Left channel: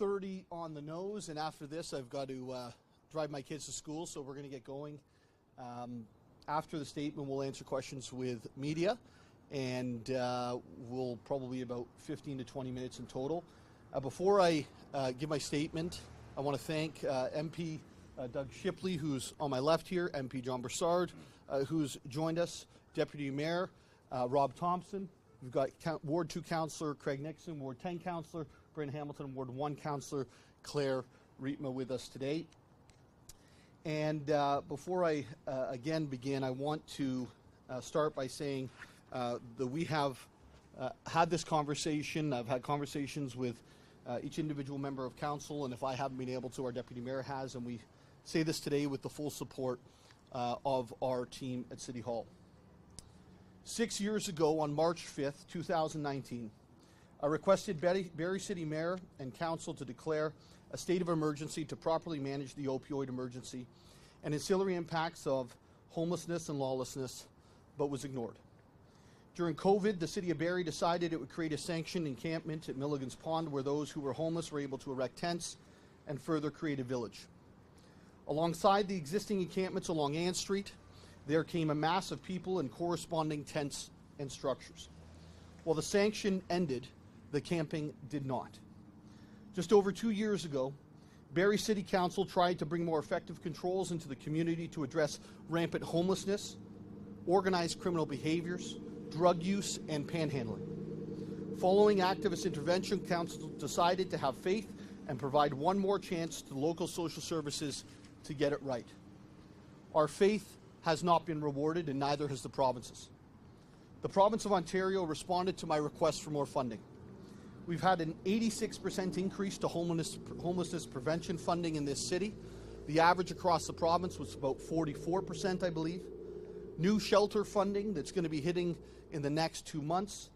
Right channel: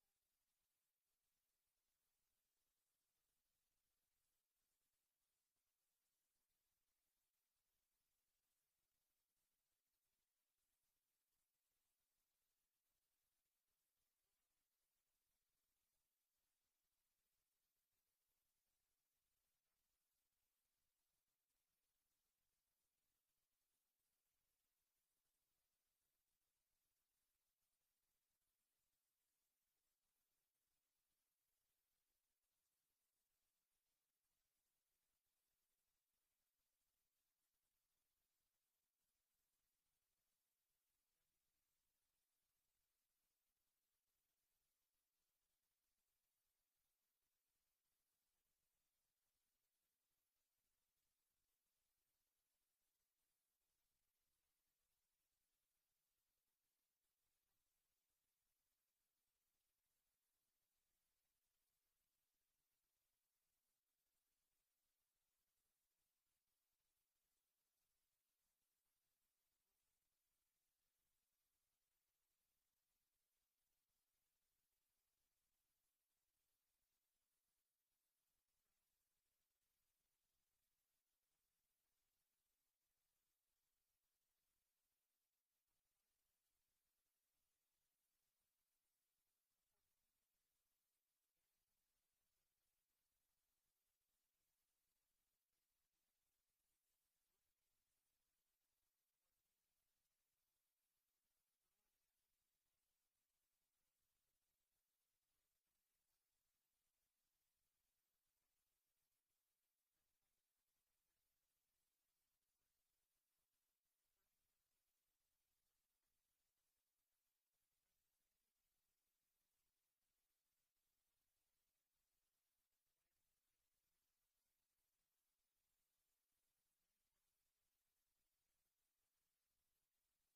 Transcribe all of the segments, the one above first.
2:30 on the nose, and after this I've got to drive my kids to school, so we're going to get going. After the statement, we'll answer questions with media, and we'll probably about 15 to 20 minutes in total. Before I give my statement, I want to thank MP Doug Shipley, who's on my left here, MP John Broussard, who's joined us, Deputy Mayor Rob Thompson. We've got Ward 2 Councillor Craig Nixon, Ward 10 Councillor Bryn Hamilton, Ward 1 Councillor Claire Rietma with us today. And before I again begin, I want to start by saying that we have had this conversation. I've had conversations with each individual member of council, and if I haven't been able to, our Deputy Mayor has, and we say this today with the full support of our team at City Hall. 6 years ago, on March 5th, 2019, I requested Barrie City Mayor and Council to declare a state of emergency to properly manage the opioid emergency and ancillary impacts of homelessness and lawlessness, but was ignored. During COVID, the City of Barrie decided it would create a sanctioned encampment at Milligan's Pond where those who were homeless were able to erect tents and further create a village. Alongside the existing encampments along Ann Street, there came a mass of people and corresponding tents and structures. While the sanction ended, the camping did not. Just over 2 years ago, Barrie City Council tried to bring more effective controls into the community to address rampant homelessness, organized criminal behaviors, drug use, and panhandling. Following activist intervention, Council decided to have faith and provide one more chance to local social services to get it right. Our faith has not been rewarded, and neither has the provinces. The province of Ontario responded to my request for more funding. We've had an 86% increase to homelessness prevention funding in this city. The average across the province was about 44%, I believe. New shelter funding that's going to be hitting in the next 2 months.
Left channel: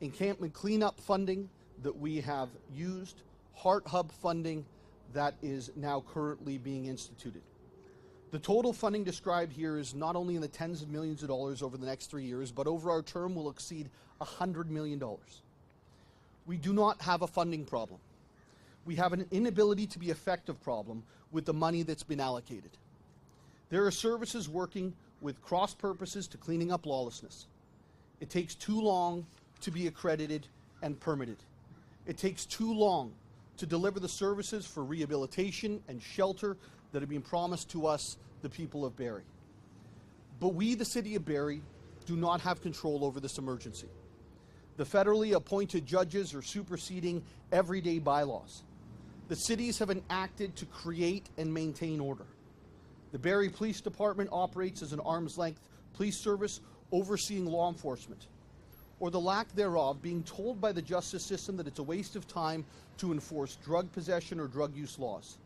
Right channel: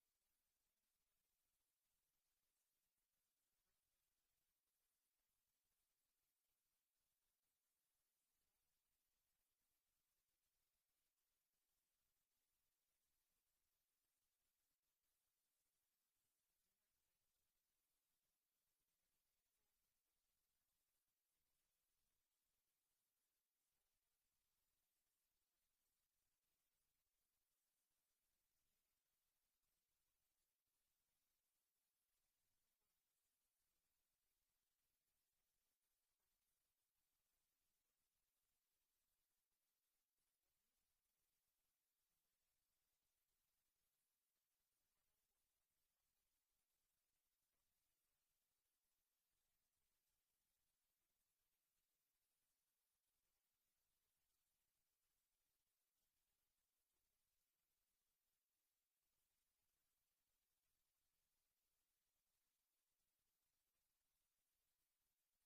Encampment cleanup funding that we have used. Heart Hub funding that is now currently being instituted. The total funding described here is not only in the tens of millions of dollars over the next 3 years, but over our term will exceed $100 million. We do not have a funding problem. We have an inability to be effective problem with the money that's been allocated. There are services working with cross purposes to cleaning up lawlessness. It takes too long to be accredited and permitted. It takes too long to deliver the services for rehabilitation and shelter that have been promised to us, the people of Barrie. But we, the City of Barrie, do not have control over this emergency. The federally appointed judges are superseding everyday bylaws. The cities have enacted to create and maintain order. The Barrie Police Department operates as an arm's-length police service overseeing law enforcement, or the lack thereof, being told by the justice system that it's a waste of time to enforce drug possession or drug use laws.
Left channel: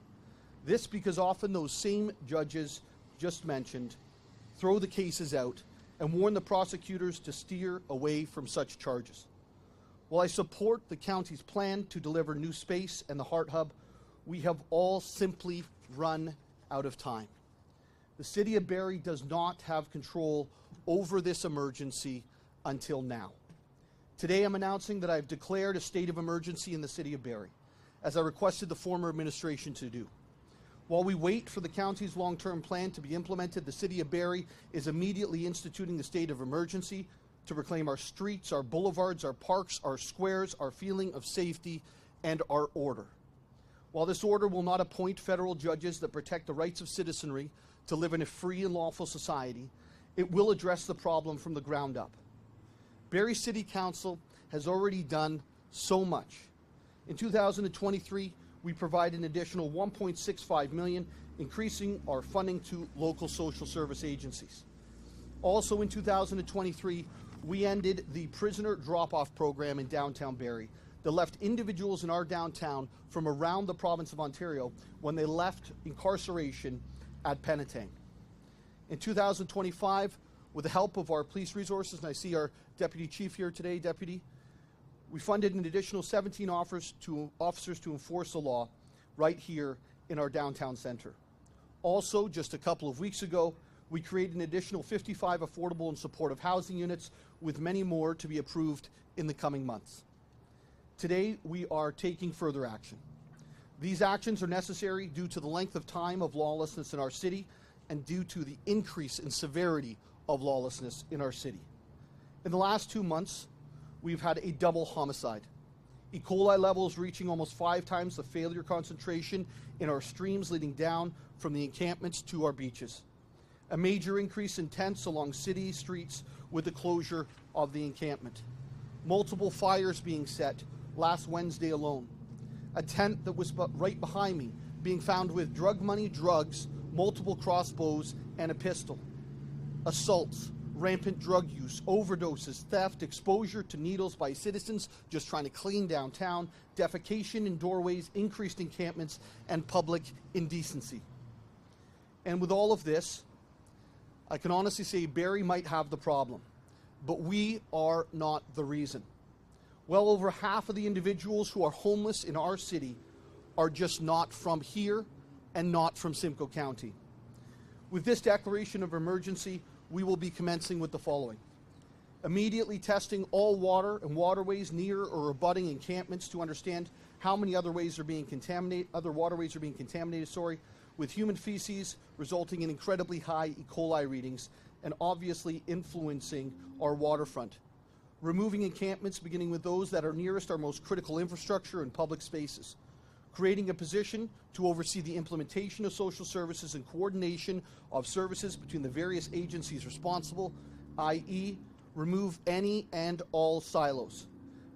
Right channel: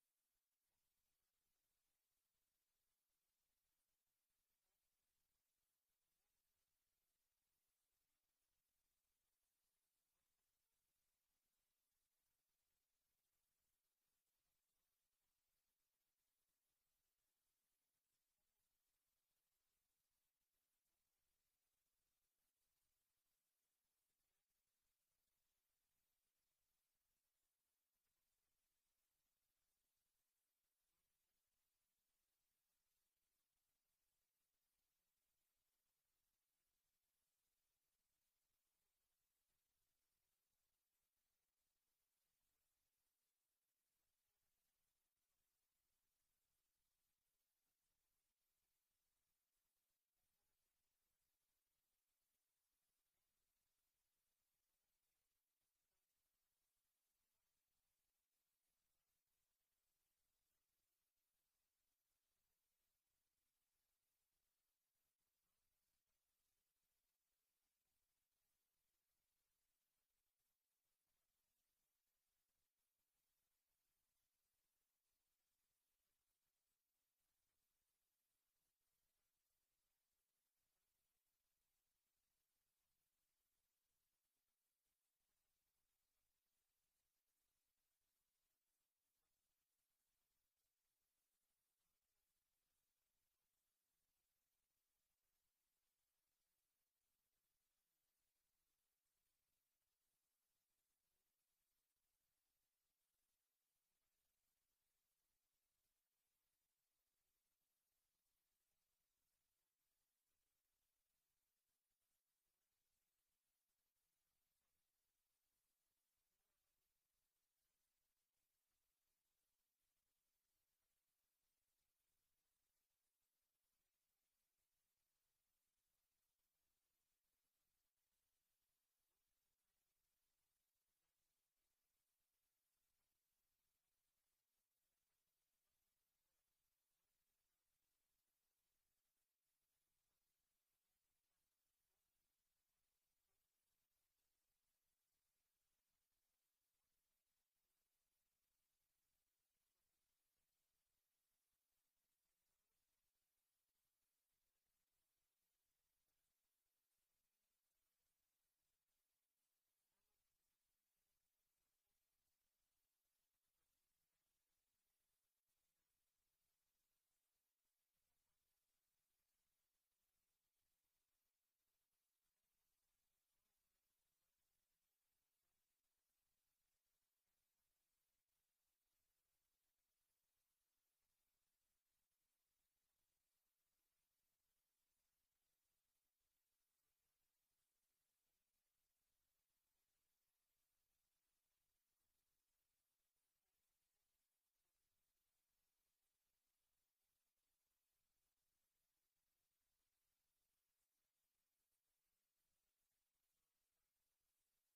This because often those same judges just mentioned throw the cases out and warn the prosecutors to steer away from such charges. While I support the county's plan to deliver new space and the Heart Hub, we have all simply run out of time. The City of Barrie does not have control over this emergency until now. Today I'm announcing that I've declared a state of emergency in the City of Barrie, as I requested the former administration to do. While we wait for the county's long-term plan to be implemented, the City of Barrie is immediately instituting the state of emergency to reclaim our streets, our boulevards, our parks, our squares, our feeling of safety, and our order. While this order will not appoint federal judges that protect the rights of citizenry to live in a free and lawful society, it will address the problem from the ground up. Barrie City Council has already done so much. In 2023, we provide an additional $1.65 million, increasing our funding to local social service agencies. Also in 2023, we ended the prisoner drop-off program in downtown Barrie that left individuals in our downtown from around the province of Ontario when they left incarceration at Penetang. In 2025, with the help of our police resources, and I see our Deputy Chief here today, Deputy, we funded an additional 17 officers to enforce the law right here in our downtown centre. Also, just a couple of weeks ago, we created an additional 55 affordable and supportive housing units, with many more to be approved in the coming months. Today, we are taking further action. These actions are necessary due to the length of time of lawlessness in our city and due to the increase in severity of lawlessness in our city. In the last 2 months, we've had a double homicide. E. coli levels reaching almost 5 times the failure concentration in our streams leading down from the encampments to our beaches. A major increase in tents along city streets with the closure of the encampment. Multiple fires being set last Wednesday alone. A tent that was right behind me being found with drug money, drugs, multiple crossbows, and a pistol. Assaults, rampant drug use, overdoses, theft, exposure to needles by citizens just trying to clean downtown, defecation in doorways, increased encampments, and public indecency. And with all of this, I can honestly say Barrie might have the problem, but we are not the reason. Well over half of the individuals who are homeless in our city are just not from here and not from Simcoe County. With this declaration of emergency, we will be commencing with the following. Immediately testing all water and waterways near or abutting encampments to understand how many other ways are being contaminated, with human feces resulting in incredibly high E. coli readings and obviously influencing our waterfront. Removing encampments, beginning with those that are nearest our most critical infrastructure and public spaces. Creating a position to oversee the implementation of social services and coordination of services between the various agencies responsible, i.e., remove any and all silos.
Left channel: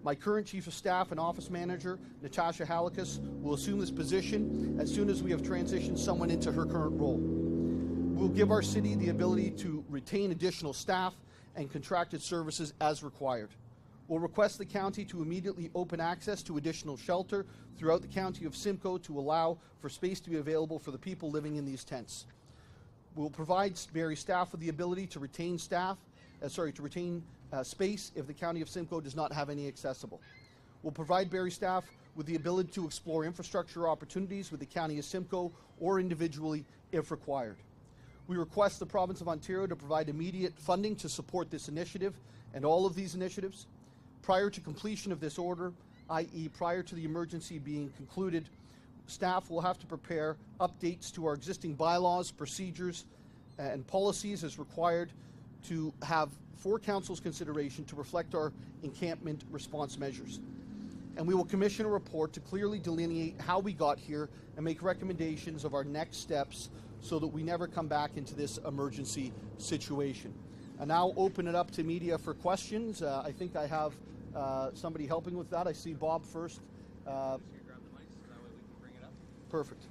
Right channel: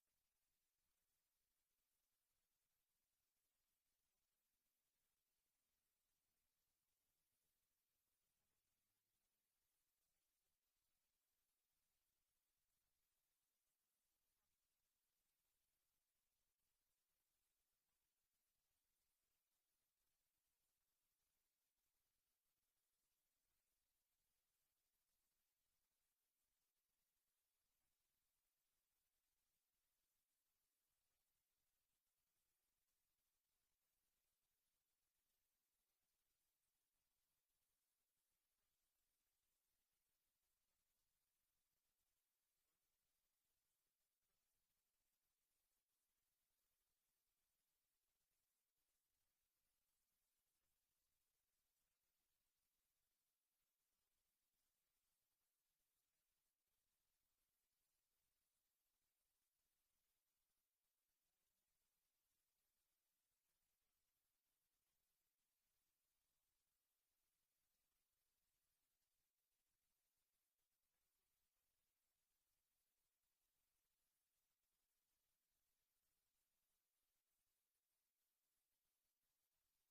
My current Chief of Staff and Office Manager, Natasha Halikas, will assume this position as soon as we have transitioned someone into her current role. We'll give our city the ability to retain additional staff and contracted services as required. We'll request the county to immediately open access to additional shelter throughout the county of Simcoe to allow for space to be available for the people living in these tents. We'll provide Barrie staff with the ability to retain space if the county of Simcoe does not have any accessible. We'll provide Barrie staff with the ability to explore infrastructure opportunities with the county of Simcoe or individually if required. We request the province of Ontario to provide immediate funding to support this initiative and all of these initiatives. Prior to completion of this order, i.e. prior to the emergency being concluded, staff will have to prepare updates to our existing bylaws, procedures, and policies as required to have for Council's consideration to reflect our encampment response measures. And we will commission a report to clearly delineate how we got here and make recommendations of our next steps so that we never come back into this emergency situation. I now open it up to media for questions. I think I have somebody helping with that. I see Bob first. Just grab the mics so that way we can bring it up. Perfect.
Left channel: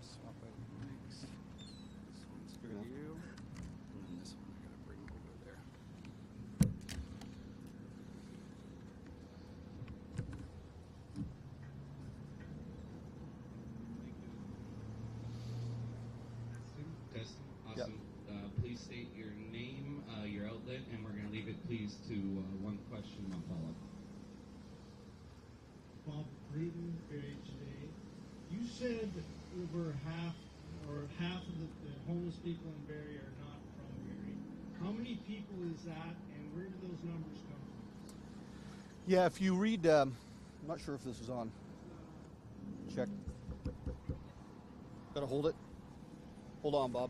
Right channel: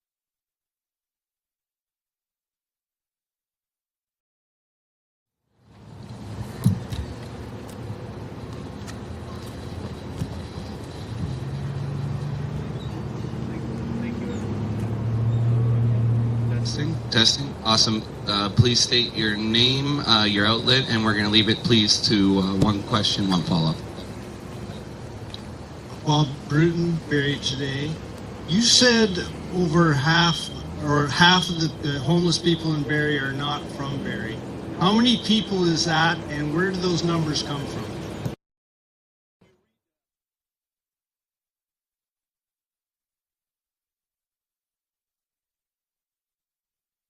Swap out the mics. This one's for you. And then this one I gotta bring over there. Thank you. Testing. Awesome. Please state your name, your outlet, and we're going to leave it, please, to one question, one follow-up. Bob Bruton, Barrie Today. You said over half of the homeless people in Barrie are not from Barrie. How many people is that, and where do those numbers come from? Yeah, if you read, I'm not sure if this is on. Check. Gotta hold it. Hold on, Bob.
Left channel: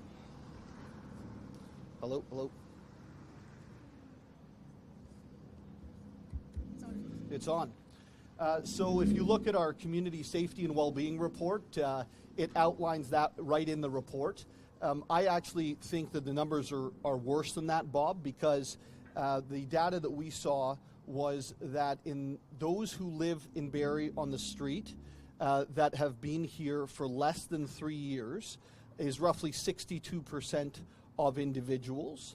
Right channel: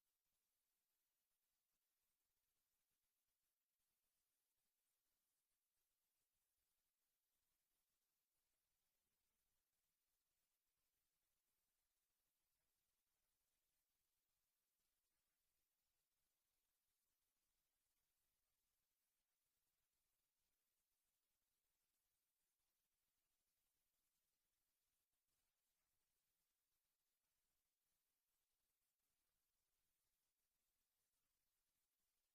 Hello, hello. It's on. So if you look at our community safety and well-being report, it outlines that right in the report. I actually think that the numbers are worse than that, Bob, because the data that we saw was that in those who live in Barrie on the street that have been here for less than 3 years is roughly 62% of individuals.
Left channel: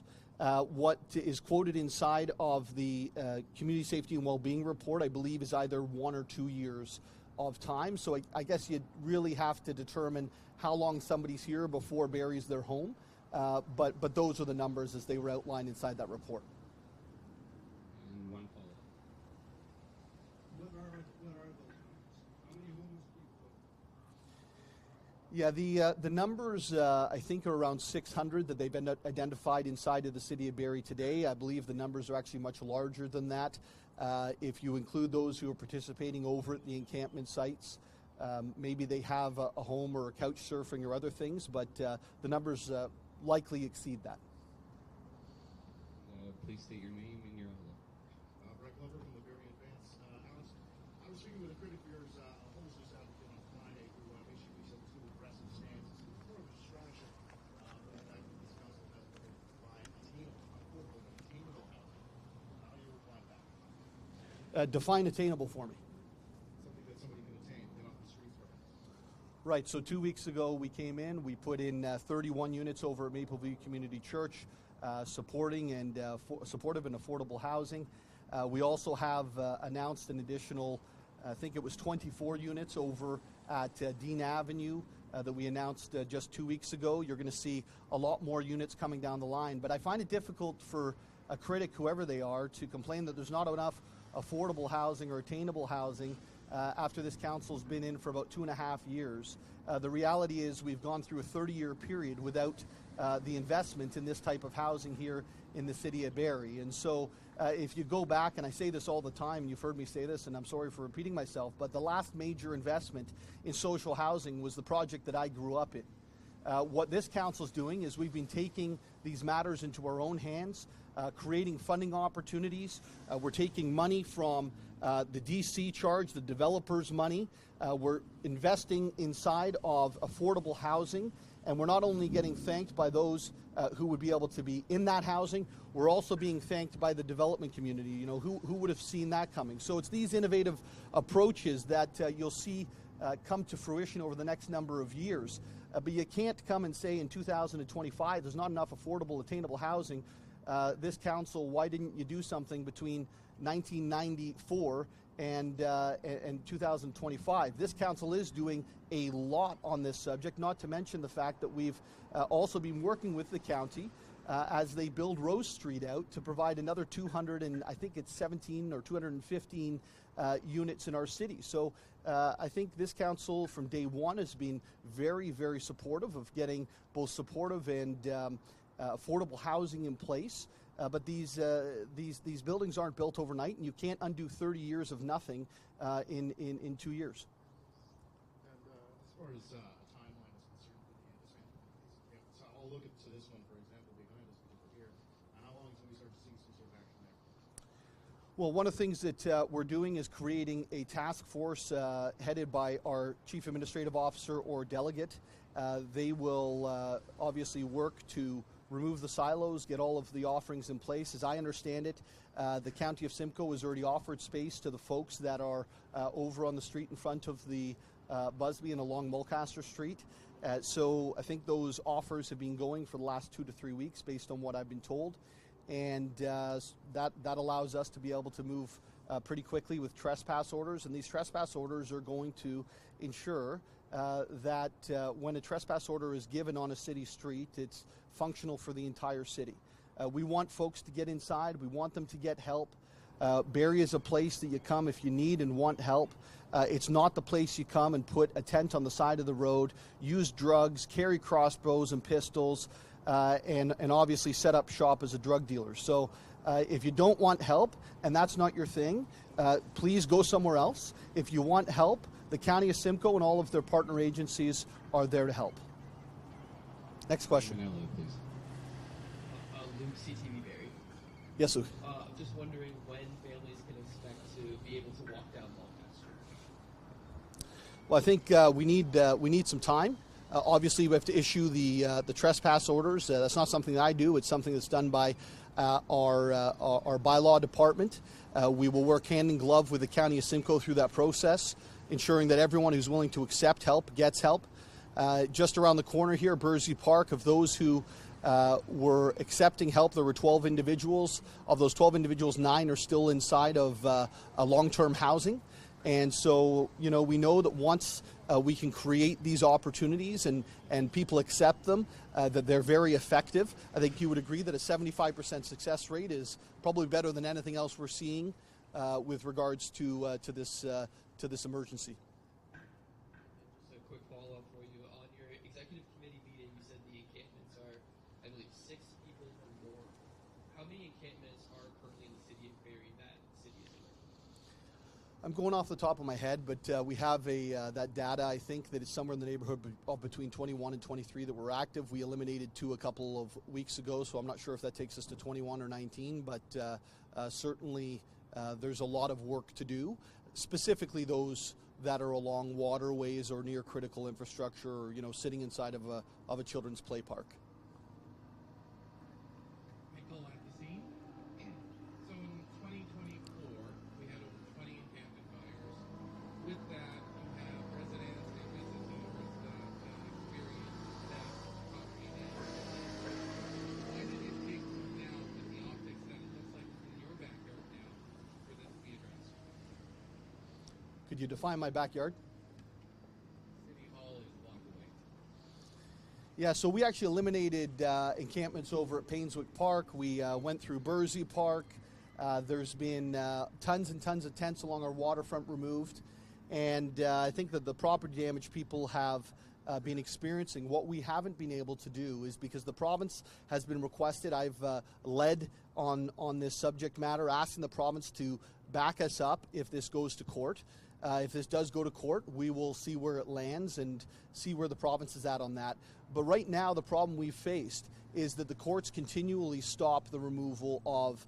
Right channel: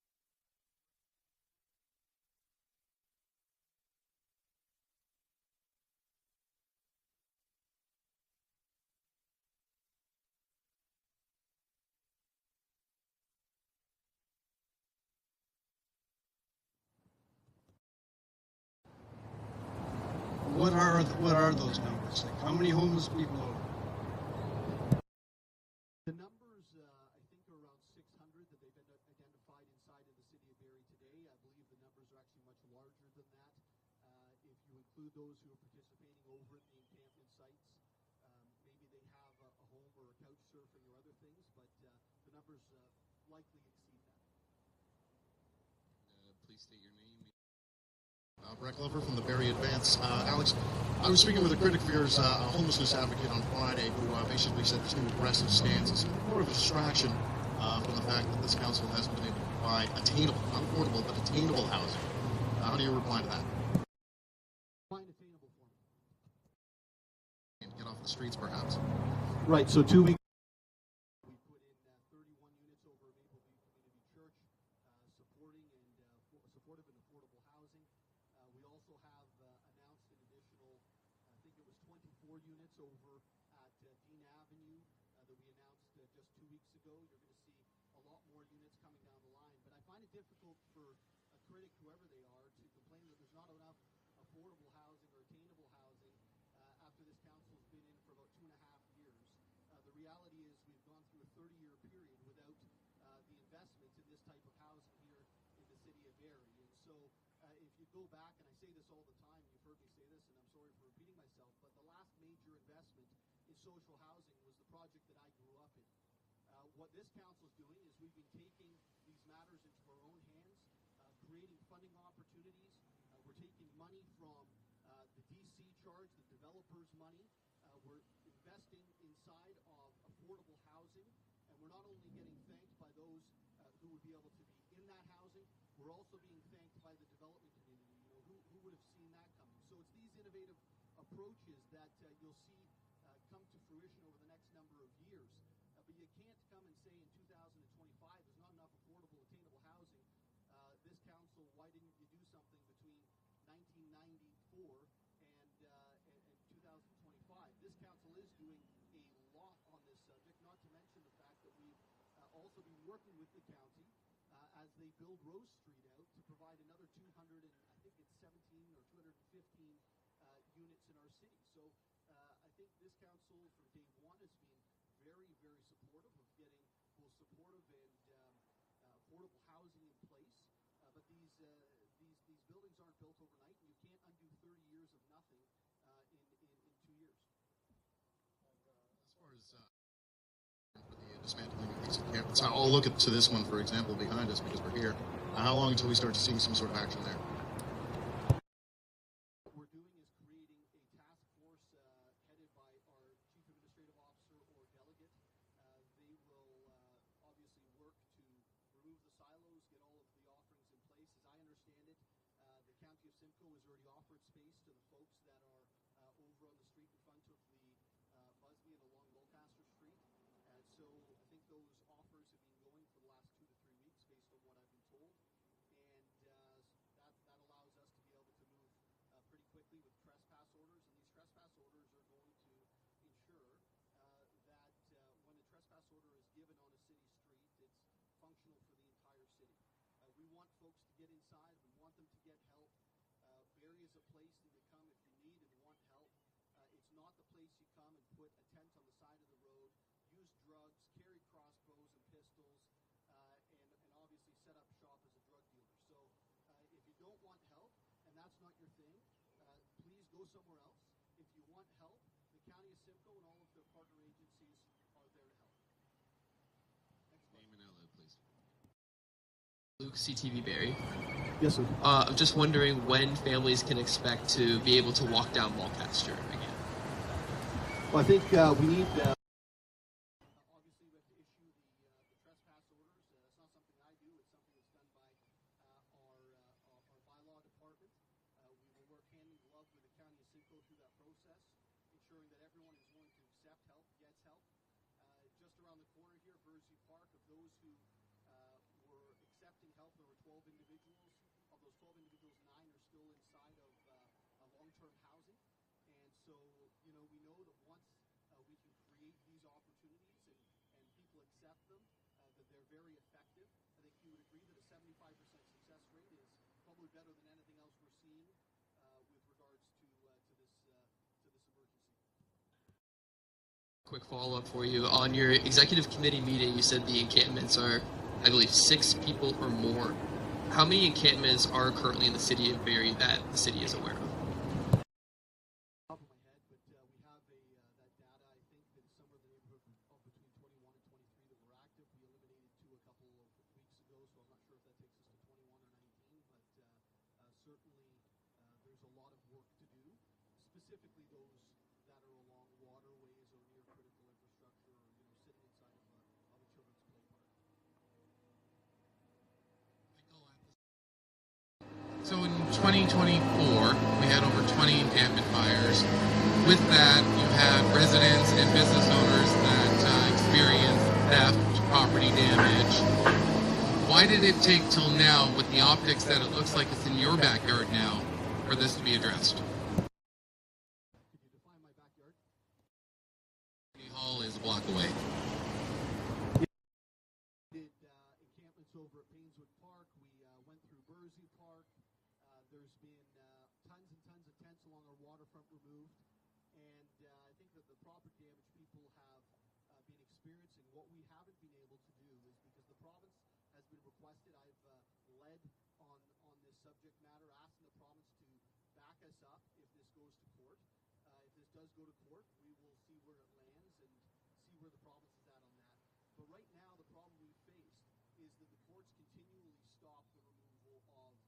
What is quoted inside of the Community Safety and Wellbeing Report, I believe, is either 1 or 2 years of time. So I guess you'd really have to determine how long somebody's here before Barrie's their home. But those are the numbers as they were outlined inside that report. And one follow-up. What are those numbers? Like, how many homeless people are? Yeah, the numbers I think are around 600 that they've been identified inside of the city of Barrie today. I believe the numbers are actually much larger than that. If you include those who are participating over at the encampment sites, maybe they have a home or a couch surfing or other things, but the numbers likely exceed that. Please state your name and your outlet. Brett Glover from the Barrie Advance. Alex, I was speaking with a critic of yours, a homelessness advocate on Friday, who basically said this new aggressive stance is more of a distraction from the fact that this council hasn't been able to provide attainable, not affordable, but attainable housing. How do you reply to that? Define attainable for me. Something that somebody can attain, get off the streets perhaps. Right, so 2 weeks ago we came in, we put in 31 units over at Mapleview Community Church, supporting and supportive and affordable housing. We also have announced an additional, I think it was 24 units over at Dean Avenue that we announced just 2 weeks ago. You're going to see a lot more units coming down the line, but I find it difficult for a critic, whoever they are, to complain that there's not enough affordable housing or attainable housing after this council's been in for about 2.5 years. The reality is we've gone through a 30-year period without the investment in this type of housing here in the city of Barrie. And so if you go back, and I say this all the time, you've heard me say this, and I'm sorry for repeating myself, but the last major investment in social housing was the project that I grew up in. What this council's doing is we've been taking these matters into our own hands, creating funding opportunities. We're taking money from the DC charge, the developers' money. We're investing inside of affordable housing, and we're not only getting thanked by those who would be able to be in that housing, we're also being thanked by the development community. You know, who would have seen that coming? So it's these innovative approaches that you'll see come to fruition over the next number of years. But you can't come and say in 2025 there's not enough affordable, attainable housing. This council, why didn't you do something between 1994 and 2025? This council is doing a lot on this subject, not to mention the fact that we've also been working with the county as they build Rose Street out to provide another 200 and I think it's 17 or 215 units in our city. So I think this council from day one has been very, very supportive of getting both supportive and affordable housing in place. But these buildings aren't built overnight, and you can't undo 30 years of nothing in 2 years. As far as a timeline is concerned for the dismantling of these encampments, I'll look to this one, for example, behind us because we're here. How long until we start to see some sort of action there? Well, one of the things that we're doing is creating a task force headed by our Chief Administrative Officer or delegate. They will obviously work to remove the silos, get all of the offerings in place. As I understand it, the County of Simcoe has already offered space to the folks that are over on the street in front of the Busby and along Mulcaster Street. So I think those offers have been going for the last 2 to 3 weeks based on what I've been told. And that allows us to be able to move pretty quickly with trespass orders. And these trespass orders are going to ensure that when a trespass order is given on a city street, it's functional for the entire city. We want folks to get inside. We want them to get help. Barrie is a place that you come if you need and want help. It's not the place you come and put a tent on the side of the road, use drugs, carry crossbows and pistols, and obviously set up shop as a drug dealer. So if you don't want help and that's not your thing, please go somewhere else. If you want help, the County of Simcoe and all of their partner agencies are there to help. Next question. Luke, CTV Barrie. Yes, sir. I'm just wondering when families can expect to be able to walk down Mulcaster again. Well, I think we need some time. Obviously, we have to issue the trespass orders. That's not something that I do. It's something that's done by our bylaw department. We will work hand in glove with the County of Simcoe through that process, ensuring that everyone who's willing to accept help gets help. Just around the corner here, Bursey Park, of those who were accepting help, there were 12 individuals. Of those 12 individuals, 9 are still inside of a long-term housing. And so, you know, we know that once we can create these opportunities and people accept them, that they're very effective. I think you would agree that a 75% success rate is probably better than anything else we're seeing with regards to this emergency. A quick follow-up for you. On your executive committee meeting, you said the encampments are, I believe, 6 people or more. how many encampments are currently in the city of Barrie that the city is aware of? I'm going off the top of my head, but we have that data. I think that it's somewhere in the neighborhood of between 21 and 23 that were active. We eliminated 2 a couple of weeks ago, so I'm not sure if that takes us to 21 or 19, but certainly there's a lot of work to do, specifically those that are along waterways or near critical infrastructure, or sitting inside of a children's play park. So in 2024, we had over 20 encampment fires. With that, you have residents and business owners that experienced theft, property damage. Why did it take till now, with the optics that it looks like it's in your backyard now, for this to be addressed? Could you define my backyard? City Hall is a block away. Yeah, so we actually eliminated encampments over at Painswick Park. We went through Bursey Park. There's been tons and tons of tents along our waterfront removed. And I think that the property damage people have been experiencing, what we haven't been able to do is, because the province has been requested, I've led on this subject matter, asking the province to back us up if this goes to court. If this does go to court, we will see where it lands and see where the province is at on that. But right now, the problem we've faced is that the courts continually stop the removal of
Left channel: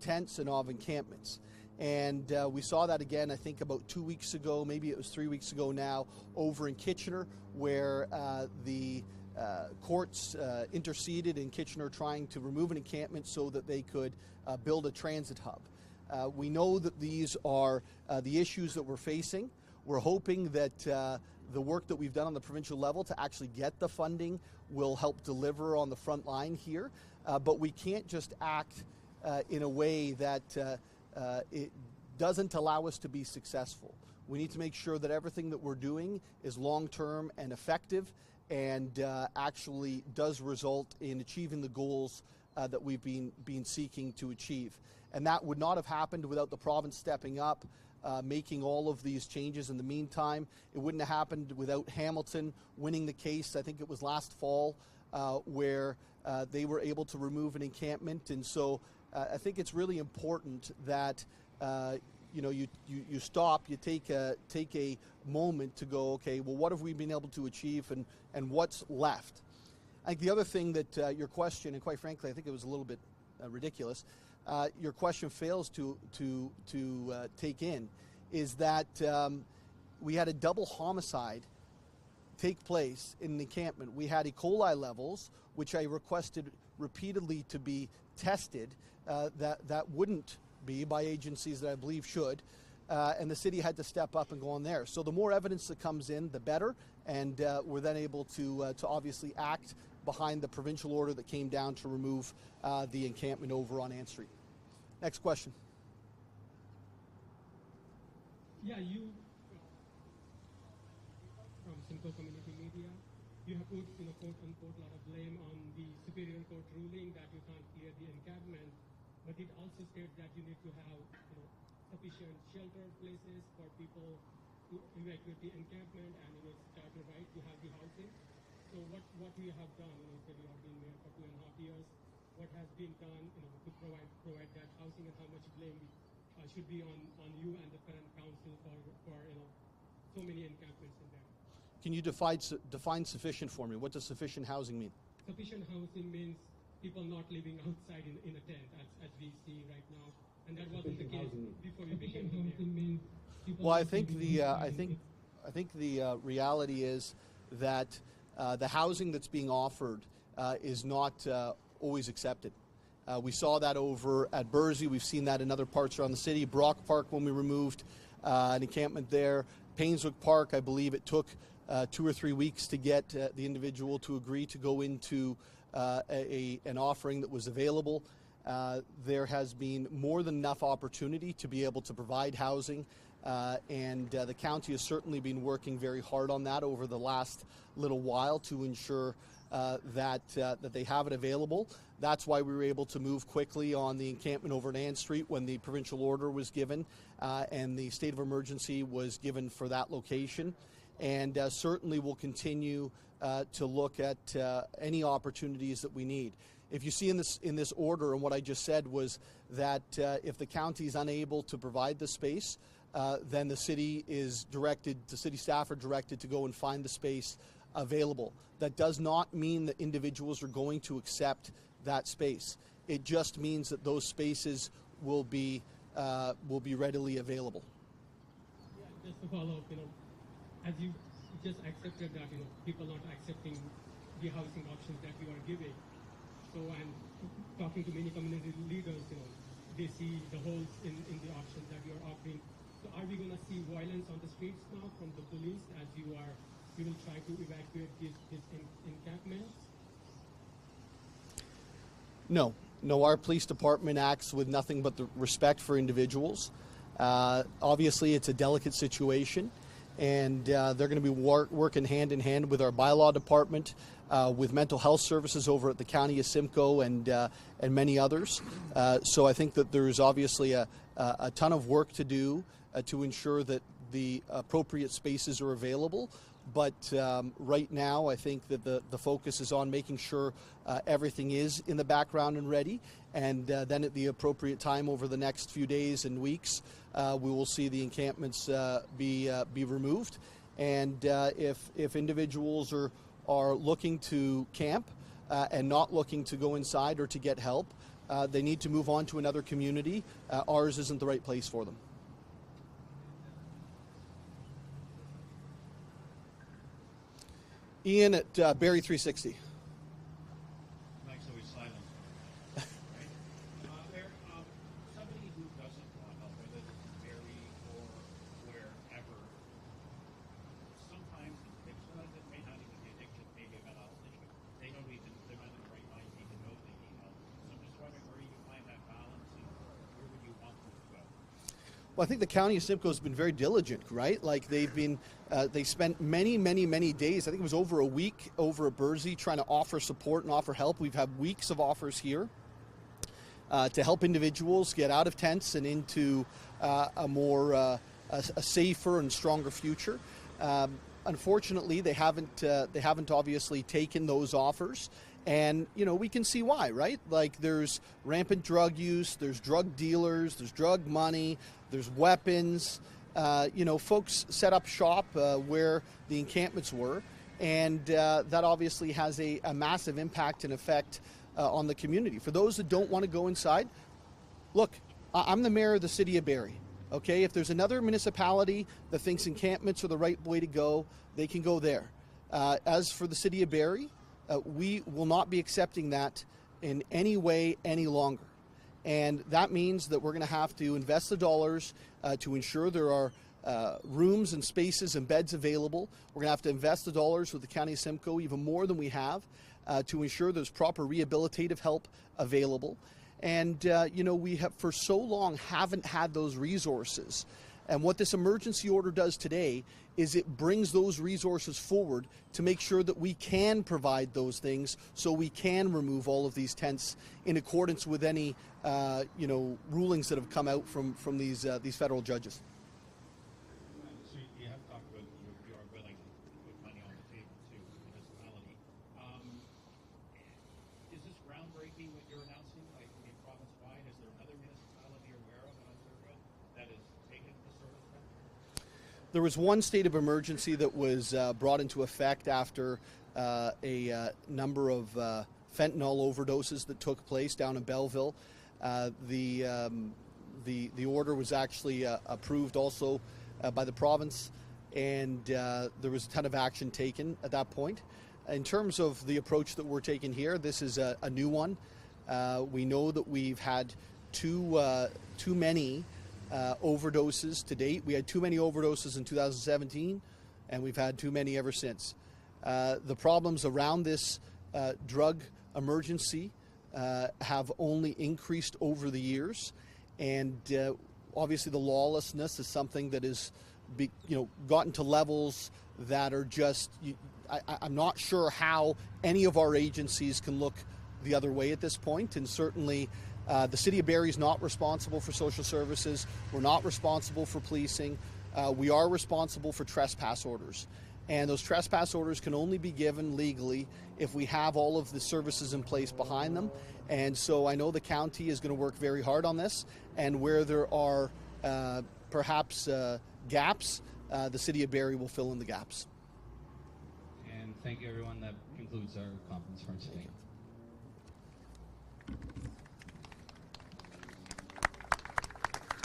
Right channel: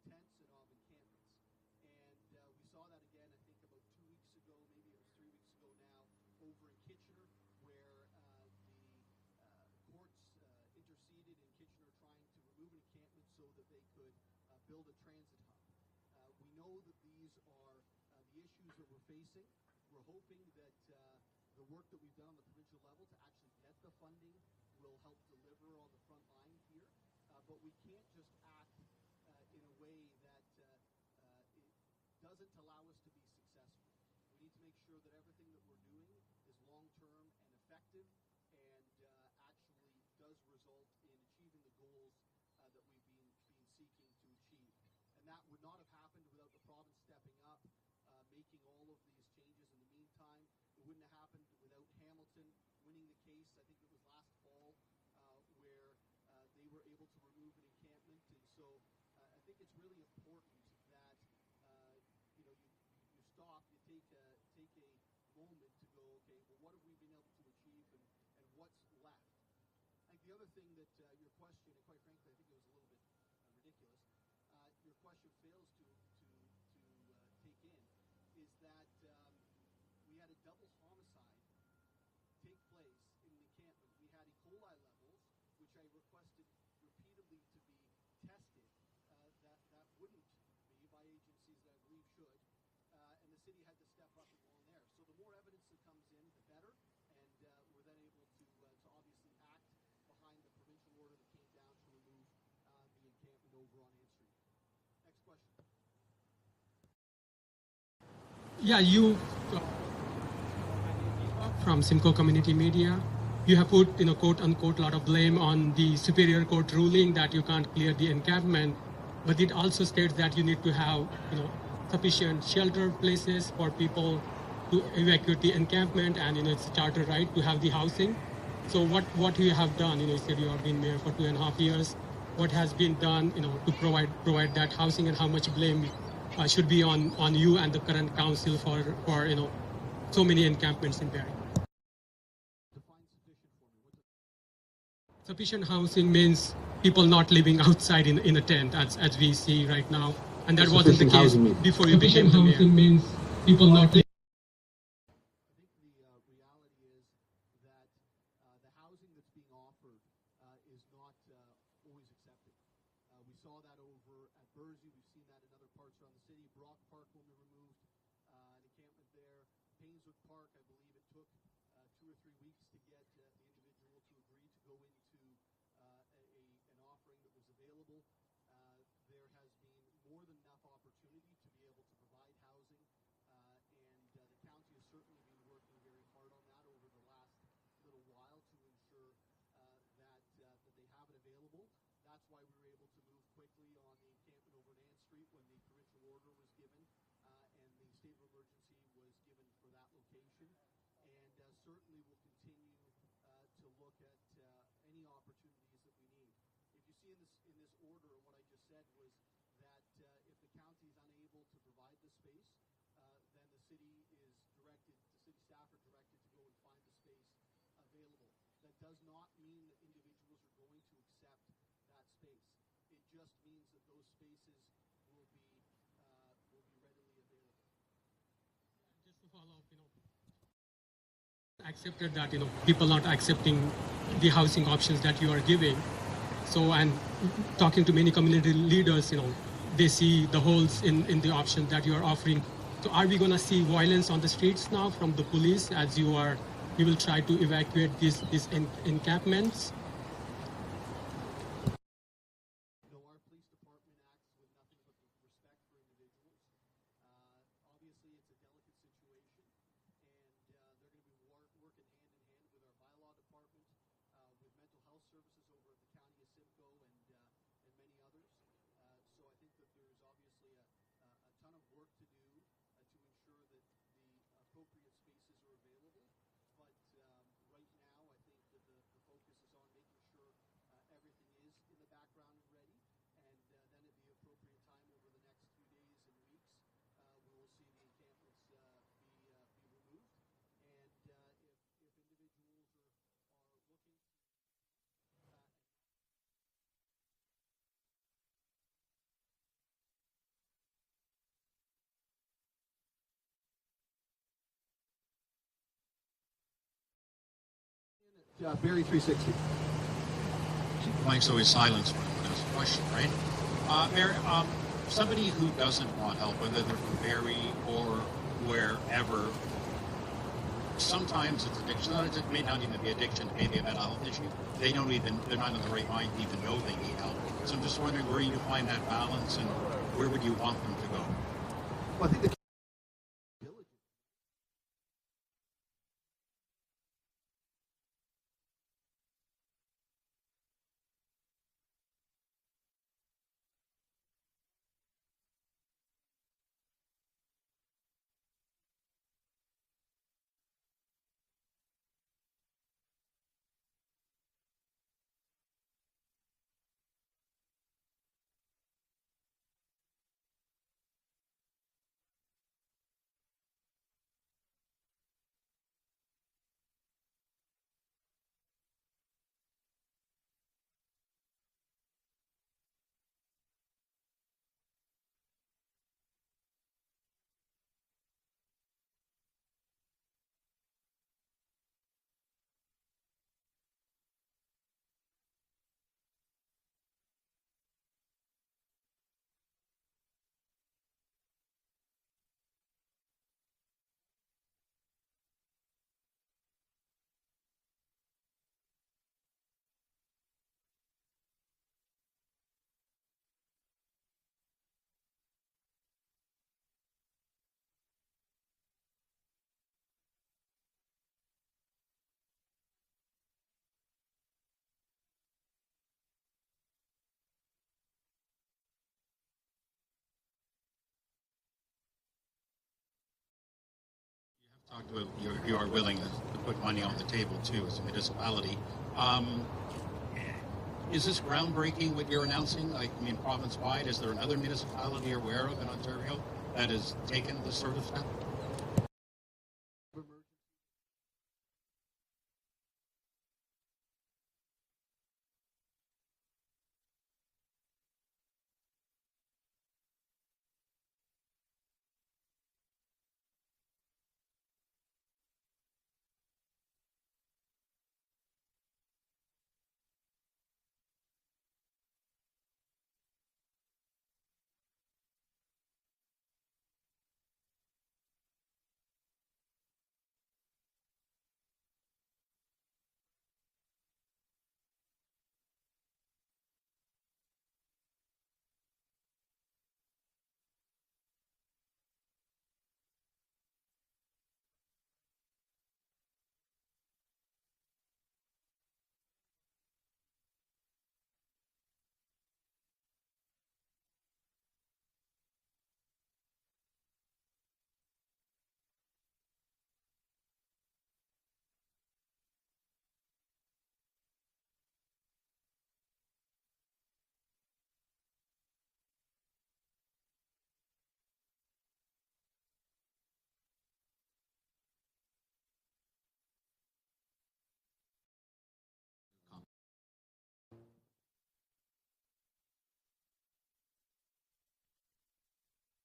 tents and of encampments. And we saw that again, I think about 2 weeks ago, maybe it was 3 weeks ago now, over in Kitchener, where the courts interceded in Kitchener trying to remove an encampment so that they could build a transit hub. We know that these are the issues that we're facing. We're hoping that the work that we've done on the provincial level to actually get the funding will help deliver on the front line here. But we can't just act in a way that it doesn't allow us to be successful. We need to make sure that everything that we're doing is long-term and effective and actually does result in achieving the goals that we've been seeking to achieve. And that would not have happened without the province stepping up, making all of these changes in the meantime. It wouldn't have happened without Hamilton winning the case, I think it was last fall, where they were able to remove an encampment. And so I think it's really important that you stop, you take a moment to go, okay, well, what have we been able to achieve and what's left? I think the other thing that your question, and quite frankly, I think it was a little bit ridiculous, your question fails to take in, is that we had a double homicide take place in an encampment. We had E. coli levels, which I requested repeatedly to be tested, that wouldn't be by agencies that I believe should, and the city had to step up and go on there. So the more evidence that comes in, the better, and we're then able to obviously act behind the provincial order that came down to remove the encampment over on Ann Street. Next question. Yeah, you from Simcoe Community Media, you have put, quote unquote, a lot of blame on the Superior Court ruling that you can't clear the encampment, but it also states that you need to have, sufficient shelter places for people to evacuate the encampment, and it's a charter right to have the housing. So what you have done, you said you have been mayor for 2.5 years. What has been done, to provide that housing, and how much blame should be on you and the current council for so many encampments in Barrie? Can you define sufficient for me? What does sufficient housing mean? Sufficient housing means people not living outside in a tent, as we see right now, and that wasn't the case before you became the mayor. Sufficient housing means people not living. I think the reality is that the housing that's being offered is not always accepted. We saw that over at Bursey. We've seen that in other parts around the city. Brock Park, when we removed an encampment there. Painswick Park, I believe it took 2 or 3 weeks to get the individual to agree to go into an offering that was available. There has been more than enough opportunity to be able to provide housing, and the county has certainly been working very hard on that over the last little while to ensure that they have it available. That's why we were able to move quickly on the encampment over at Ann Street when the provincial order was given and the state of emergency was given for that location. And certainly we'll continue to look at any opportunities that we need. If you see in this order, and what I just said was that if the county is unable to provide the space, then the city staff are directed to go and find the space available. That does not mean that individuals are going to accept that space. It just means that those spaces will be readily available. Yeah, just to follow up, as you just accepted that, people not accepting the housing options that you are giving. So, and talking to many community leaders, they see the holes in the option that you are offering. So are we going to see violence on the streets now from the police as you will try to evacuate these encampments? No, our police department acts with nothing but the respect for individuals. Obviously, it's a delicate situation, and they're going to be working hand in hand with our bylaw department, with mental health services over at the County of Simcoe and many others. So I think that there's obviously a ton of work to do to ensure that the appropriate spaces are available. But right now, I think that the focus is on making sure everything is in the background and ready. And then at the appropriate time over the next few days and weeks, we will see the encampments be removed. And if individuals are looking to camp and not looking to go inside or to get help, they need to move on to another community. Ours isn't the right place for them. Ian at Barrie 360. Mike's always silence when I ask a question, right? Mayor, somebody who doesn't want help, whether they're from Barrie or wherever, sometimes it's addiction. It may not even be addiction, it may be a mental health issue. They're not in the right mind to even know they need help. So I'm just wondering where you find that balance and where would you want them to go? Well, I think the County of Simcoe has been very diligent, right? Like they spent many days, I think it was over a week over at Bursey, trying to offer support and offer help. We've had weeks of offers here to help individuals get out of tents and into a safer and stronger future. Unfortunately, they haven't obviously taken those offers. And, we can see why, right? Like there's rampant drug use, there's drug dealers, there's drug money, there's weapons. Folks set up shop where the encampments were, and that obviously has a massive impact and effect on the community. For those that don't want to go inside, look, I'm the mayor of the city of Barrie. Okay, if there's another municipality that thinks encampments are the right way to go, they can go there. As for the city of Barrie, we will not be accepting that in any way any longer. And that means that we're going to have to invest the dollars to ensure there are rooms and spaces and beds available. We're going to have to invest the dollars with the County of Simcoe even more than we have to ensure there's proper rehabilitative help available. And, we have for so long haven't had those resources. And what this emergency order does today is it brings those resources forward to make sure that we can provide those things so we can remove all of these tents in accordance with any, rulings that have come out from these federal judges. So you have talked about you are willing to put money on the table, too, as a municipality. Is this groundbreaking what you're announcing? Province-wide, is there another municipality you're aware of in Ontario that has taken this sort of step? There was one state of emergency that was brought into effect after a number of fentanyl overdoses that took place down in Belleville. The order was actually approved also by the province, and there was a ton of action taken at that point. In terms of the approach that we're taking here, this is a new one. We know that we've had too many overdoses to date. We had too many overdoses in 2017, and we've had too many ever since. The problems around this drug emergency have only increased over the years, and obviously the lawlessness is something that is, gotten to levels that are just. I'm not sure how any of our agencies can look the other way at this point, and certainly the City of Barrie is not responsible for social services. We're not responsible for policing. We are responsible for trespass orders. And those trespass orders can only be given legally if we have all of the services in place behind them. And so I know the county is going to work very hard on this, and where there are perhaps gaps, the City of Barrie will fill in the gaps. And thank you, everyone. That concludes our conference for